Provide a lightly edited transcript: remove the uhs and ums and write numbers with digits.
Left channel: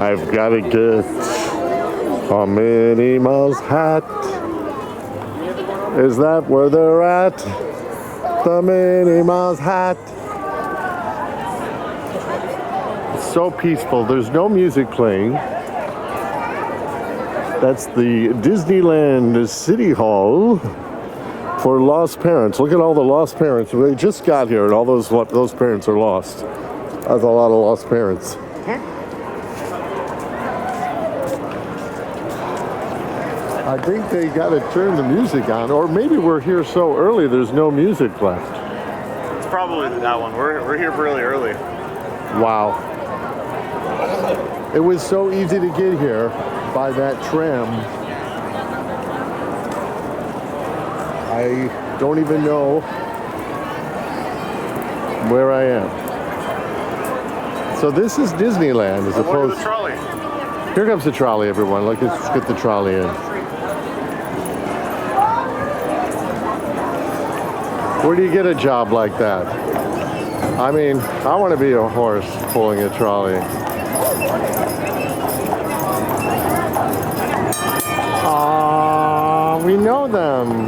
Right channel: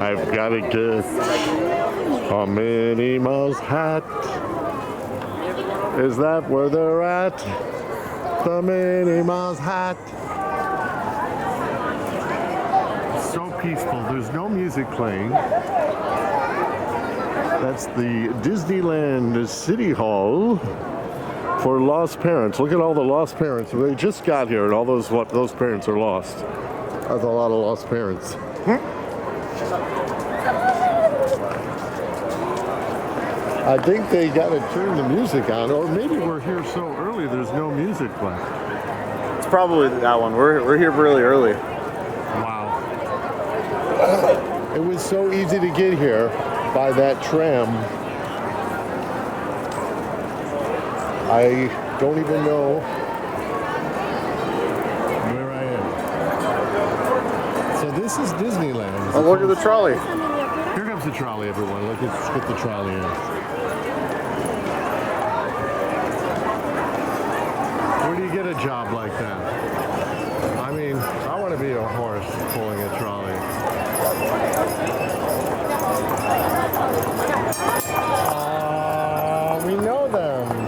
I've got a gift from Minnie Mouse hat. Is that where they're at? The Minnie Mouse hat. It's so peaceful. There's no music playing. That's the Disneyland City Hall for lost parents. Look at all the lost parents. They just got here, and all those parents are lost. That's a lot of lost parents. I think they got to turn the music on, or maybe we're here so early there's no music left. It's probably that one. We're here really early. Wow. It was so easy to get here by that tram. I don't even know where I am. So this is Disneyland as opposed. The trolley. Here comes the trolley, everyone. Let's get the trolley in. Where do you get a job like that? I mean, I want to be a horse pulling a trolley. We know them.